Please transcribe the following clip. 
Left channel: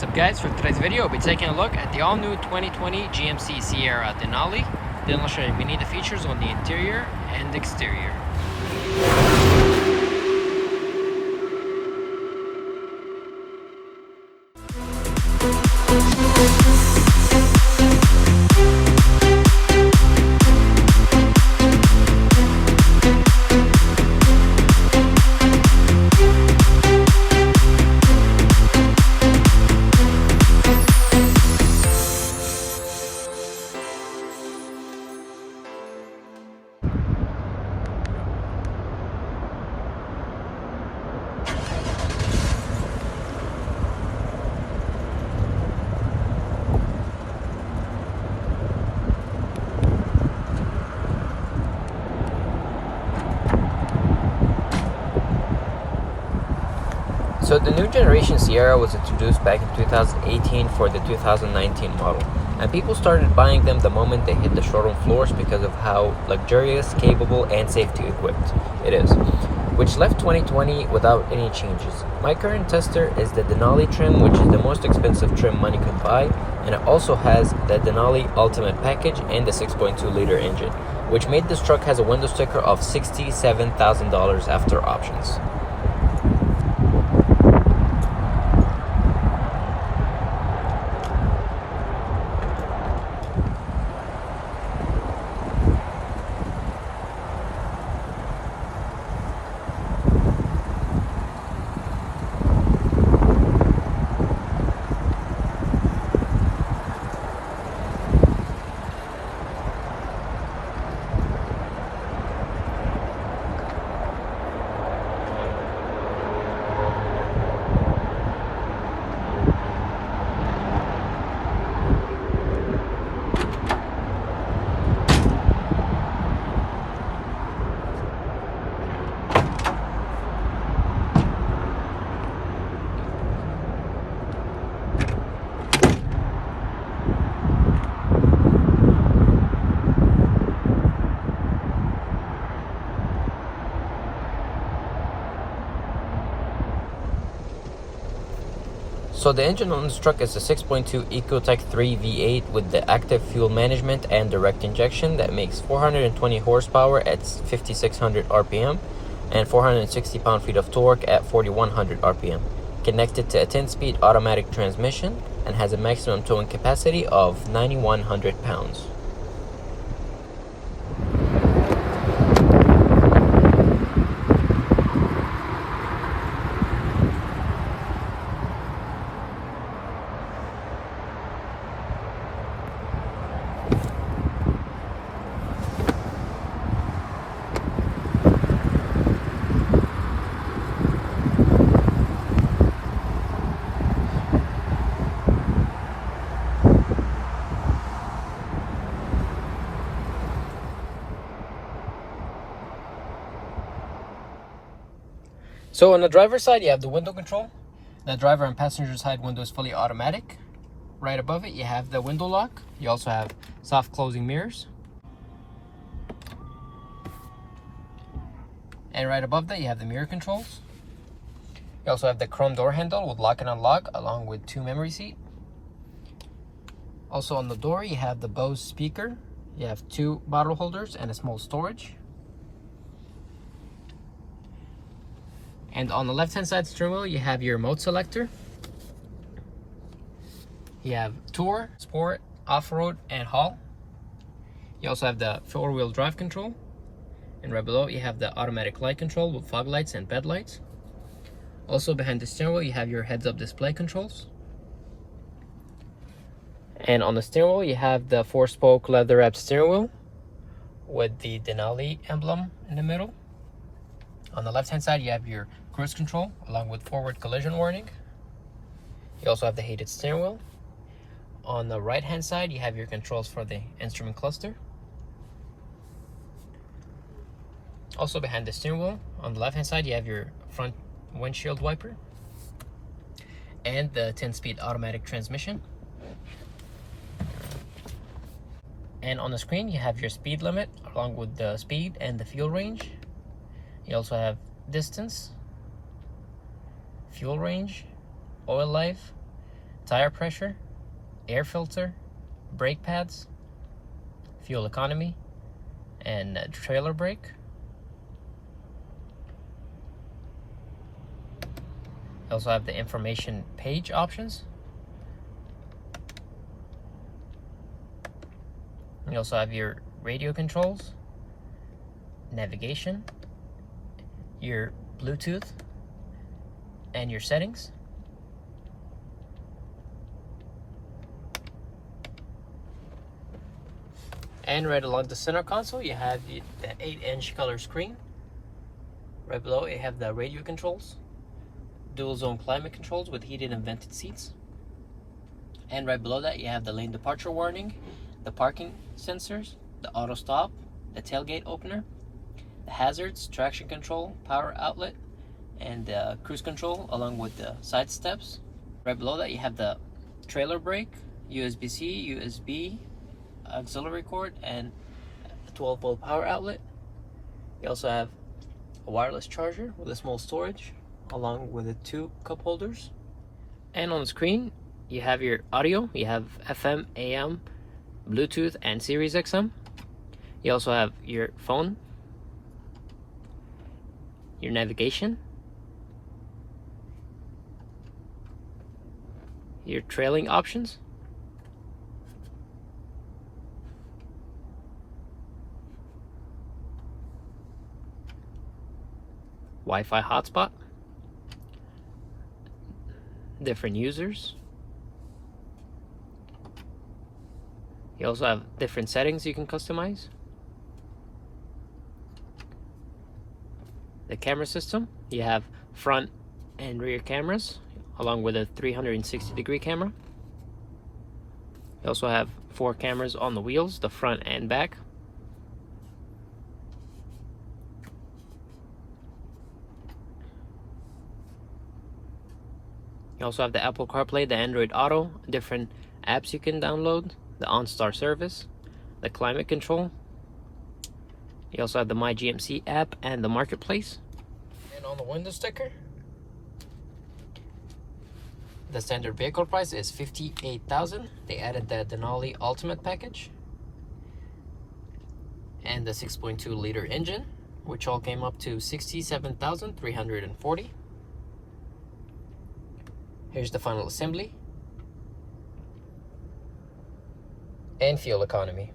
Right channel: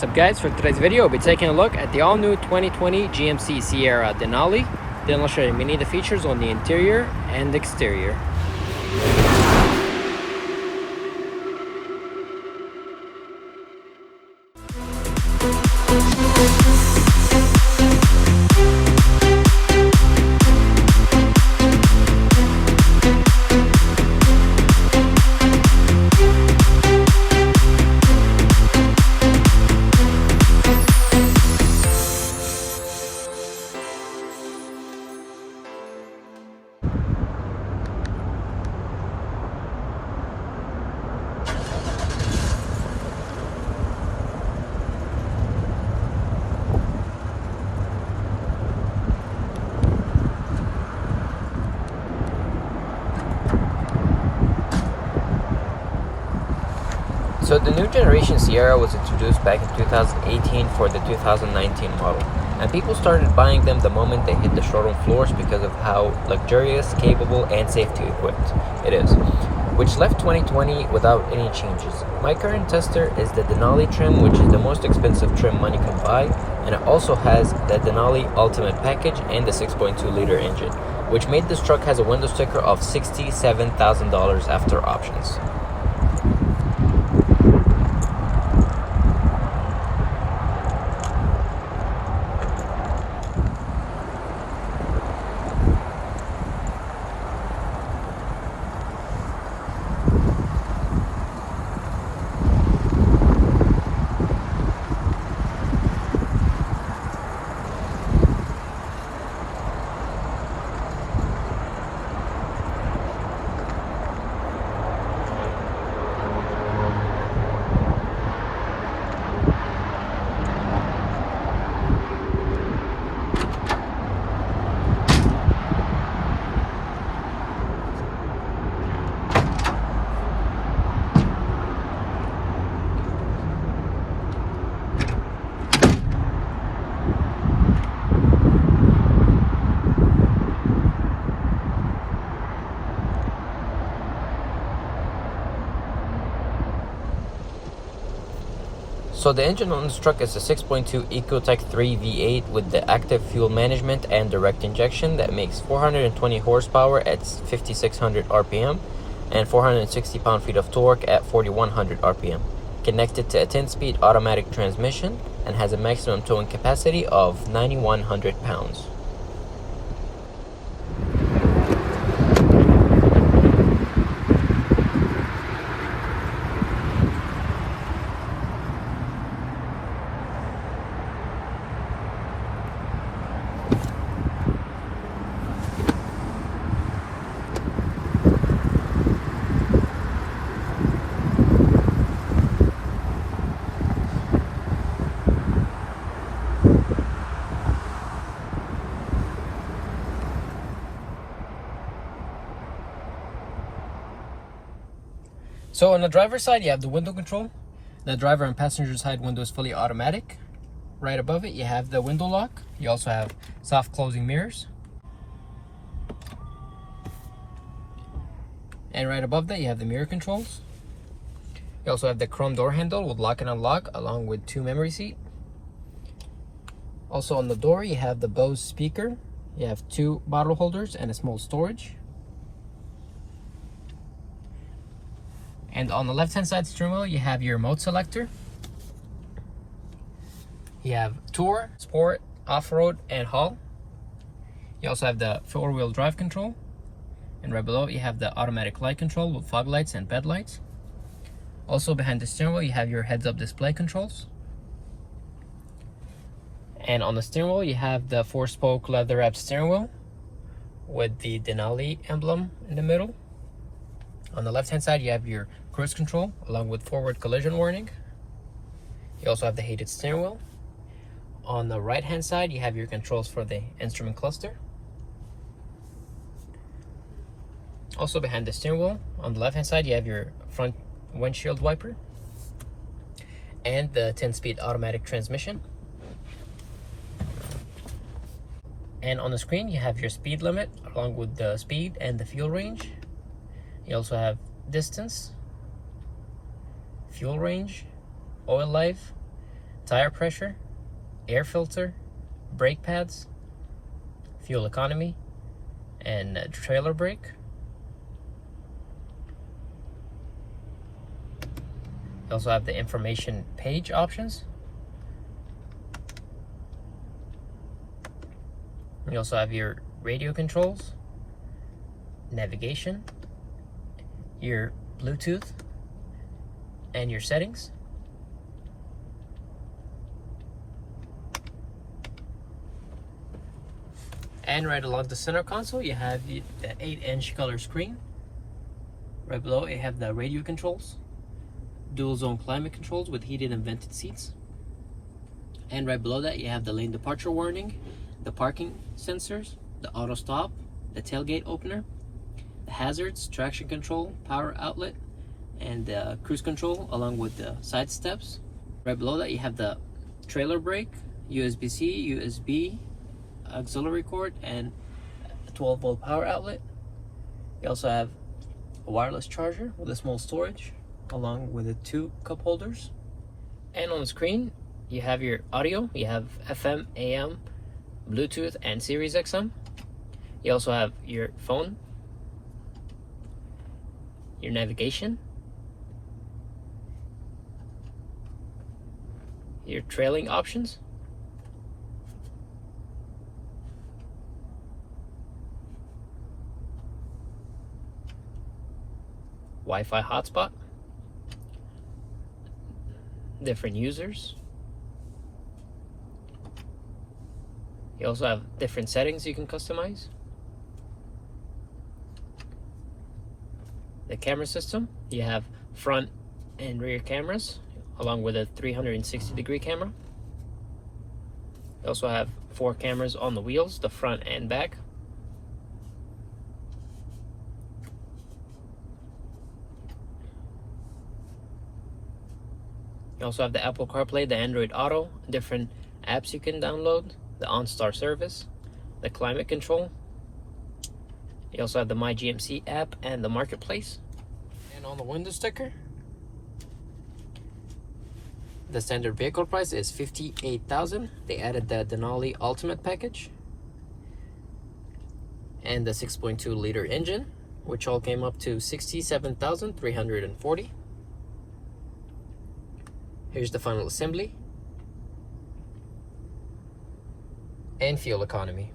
What's up guys, for today's video we'll be taking a look at the all-new 2020 GMC Sierra Denali. Then I'll show you many of the features on the interior and exterior. So the new generation Sierra was introduced back in 2018 for the 2019 model, and people started buying them the moment they hit the showroom floors because of how luxurious, capable, and safety equipped it is, which left 2020 without any changes. My current tester is the Denali trim, which is the most expensive trim money can buy, and it also has the Denali Ultimate package and the 6.2 liter engine, which made this truck has a window sticker of $67,000 after options. So the engine on this truck is a 6.2 Ecotec 3 V8 with the active fuel management and direct injection that makes 420 horsepower at 5,600 RPM and 460 pound-feet of torque at 4,100 RPM. Connected to a 10-speed automatic transmission and has a maximum towing capacity of 9,100 pounds. So on the driver's side, you have the window control. The driver and passenger side window is fully automatic. Right above it, you have the window lock. You also have soft closing mirrors. And right above that, you have the mirror controls. You also have the chrome door handle with lock and unlock, along with 2 memory seats. Also on the door, you have the Bose speaker. You have 2 bottle holders and a small storage. And on the left-hand side steering wheel, you have your mode selector. You have Tour, Sport, Off-Road, and Haul. You also have the 4-wheel drive control. And right below, you have the automatic light control with fog lights and bed lights. Also behind the steering wheel, you have your heads-up display controls. And on the steering wheel, you have the 4-spoke leather-wrapped steering wheel with the Denali emblem in the middle. On the left-hand side, you have your cruise control along with forward collision warning. You also have the heated steering wheel. On the right-hand side, you have your controls for the instrument cluster. Also behind the steering wheel, on the left-hand side, you have your front windshield wiper and the 10-speed automatic transmission. And on the screen, you have your speed limit along with the speed and the fuel range. You also have distance, fuel range, oil life, tire pressure, air filter, brake pads, fuel economy, and trailer brake. You also have the information page options. You also have your radio controls, navigation, your Bluetooth, and your settings. And right along the center console, you have the 8-inch color screen. Right below, you have the radio controls, dual zone climate controls with heated and vented seats. And right below that, you have the lane departure warning, the parking sensors, the auto stop, the tailgate opener, the hazards, traction control, power outlet, and cruise control, along with the side steps. Right below that, you have the trailer brake, USB-C, USB, auxiliary cord, and a 12-volt power outlet. You also have a wireless charger with a small storage, along with the 2 cup holders. And on the screen, you have your audio. You have FM, AM, Bluetooth, and Sirius XM. You also have your phone, your navigation, your trailing options, Wi-Fi hotspot, different users. You also have different settings you can customize. The camera system, you have front and rear cameras, along with a 360-degree camera. You also have 4 cameras on the wheels, the front and back. You also have the Apple CarPlay, the Android Auto, different apps you can download, the OnStar service, the climate control. You also have the My GMC app and the marketplace. And on the window sticker, the standard vehicle price is $58,000. They added the Denali Ultimate package and the 6.2 liter engine, which all came up to $67,340. Here's the final assembly and fuel economy.